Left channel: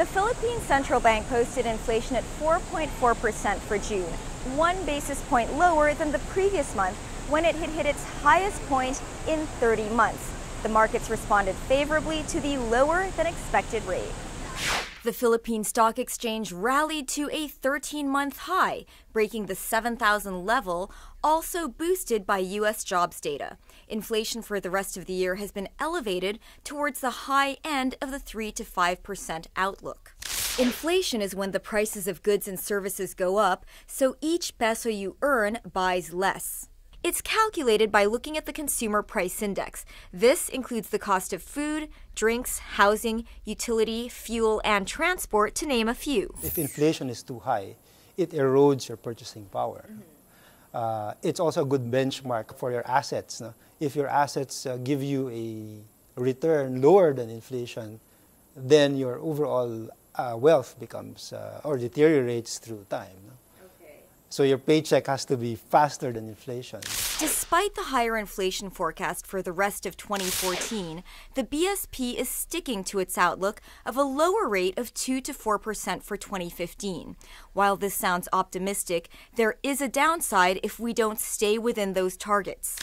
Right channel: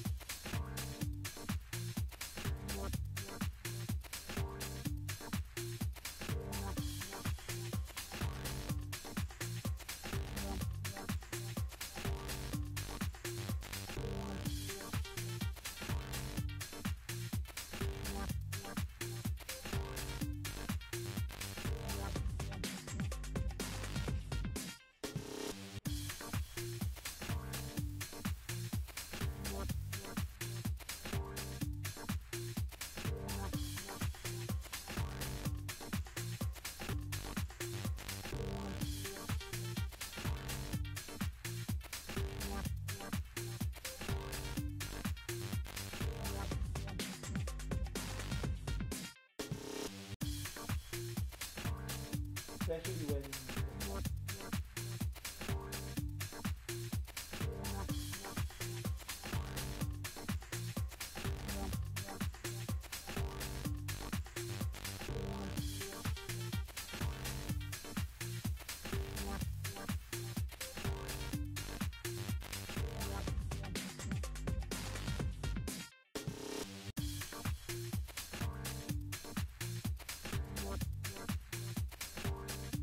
The Philippine Central Bank posted inflation at 4.4% for June, 1 basis point lower than the previous month when it had hit its highest point in 30 months. The markets responded favorably to the lower than expected rate. The Philippine Stock Exchange rallied to a 13-month high, breaking the 7,000 level, also boosted by U.S. jobs data. Inflation for the rest of the year has been elevated towards the high end of the 3 to 5% outlook. Inflation is when the prices of goods and services go up, so each peso you earn buys less. It's calculated by looking at the Consumer Price Index. This includes the cost of food, drinks, housing, utility, fuel, and transport, to name a few. If inflation is too high, it erodes your purchasing power. It's also a good benchmark for your assets. No? If your assets give you a return lower than inflation, then your overall wealth becomes or deteriorates through time. So your paycheck has to be faster than inflation. Despite the higher inflation forecast for the rest of 2014, the BSP is sticking to its outlook of a lower rate of 2 to 4% for 2015. While this sounds optimistic, there is a downside if we don't stay within those targets.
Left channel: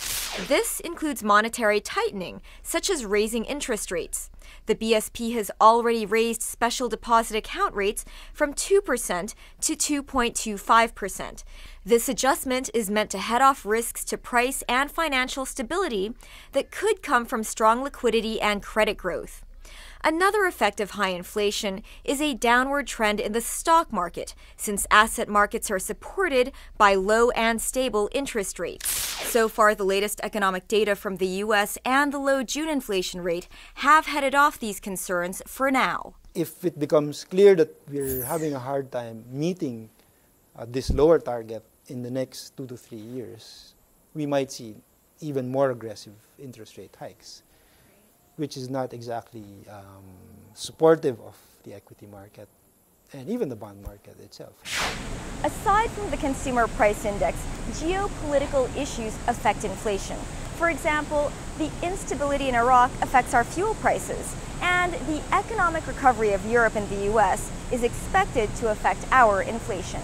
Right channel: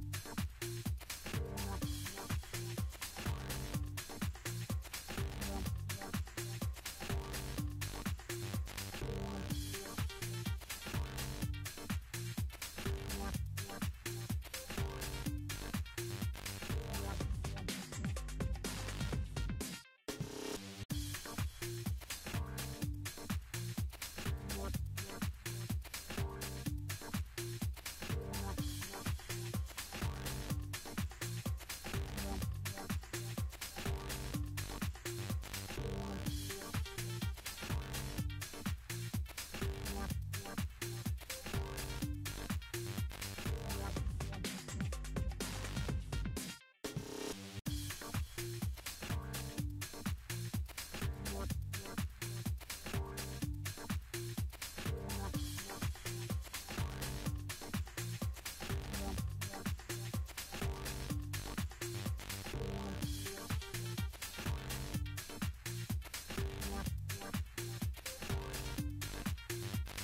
This includes monetary tightening, such as raising interest rates. The BSP has already raised special deposit account rates from 2% to 2.25%. This adjustment is meant to head off risks to price and financial stability that could come from strong liquidity and credit growth. Another effect of high inflation is a downward trend in the stock market, since asset markets are supported by low and stable interest rates. So far, the latest economic data from the U.S. and the low June inflation rate have headed off these concerns for now. If it becomes clear that we're having a hard time meeting this lower target in the next 2 to 3 years, we might see even more aggressive interest rate hikes, which is not exactly supportive of the equity market and even the bond market itself. Aside from the Consumer Price Index, geopolitical issues affect inflation. For example, the instability in Iraq affects our fuel prices, and the economic recovery of Europe and the U.S. is expected to affect our inflation.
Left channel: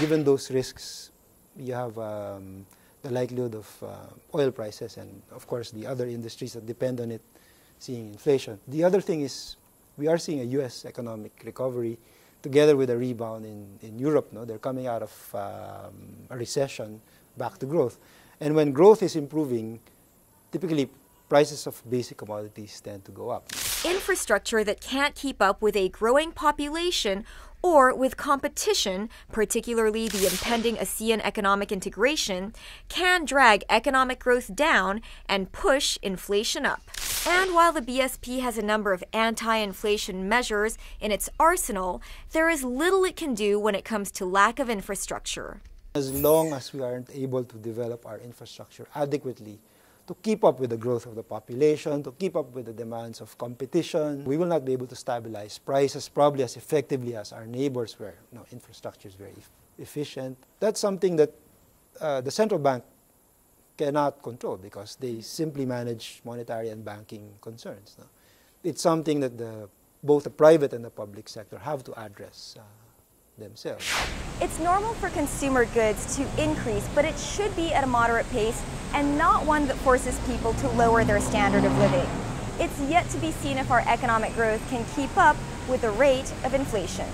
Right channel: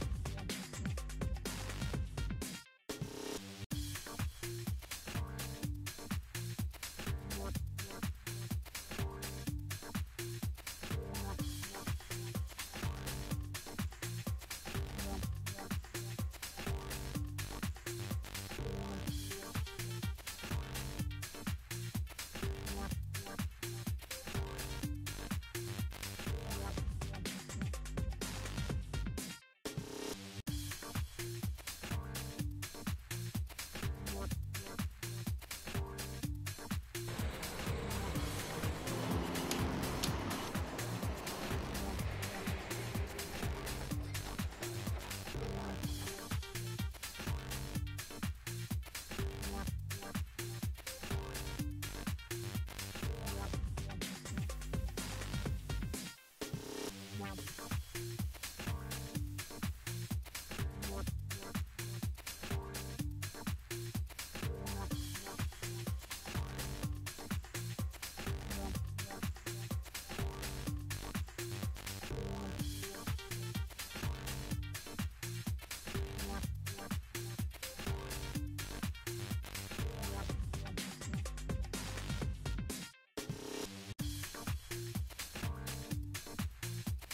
Given those risks, you have the likelihood of oil prices and, of course, the other industries that depend on it seeing inflation. The other thing is we are seeing a U.S. economic recovery together with a rebound in Europe. No? They're coming out of a recession back to growth. And when growth is improving, typically prices of basic commodities tend to go up. Infrastructure that can't keep up with a growing population or with competition, particularly the impending ASEAN economic integration, can drag economic growth down and push inflation up. And while the BSP has a number of anti-inflation measures in its arsenal, there is little it can do when it comes to lack of infrastructure. As long as we aren't able to develop our infrastructure adequately to keep up with the growth of the population, to keep up with the demands of competition, we will not be able to stabilize prices probably as effectively as our neighbors where infrastructure is very efficient. That's something that the central bank cannot control because they simply manage monetary and banking concerns. It's something that both the private and the public sector have to address themselves. It's normal for consumer goods to increase, but it should be at a moderate pace and not one that forces people to lower their standard of living. It's yet to be seen if our economic growth can keep up with the rate of inflation.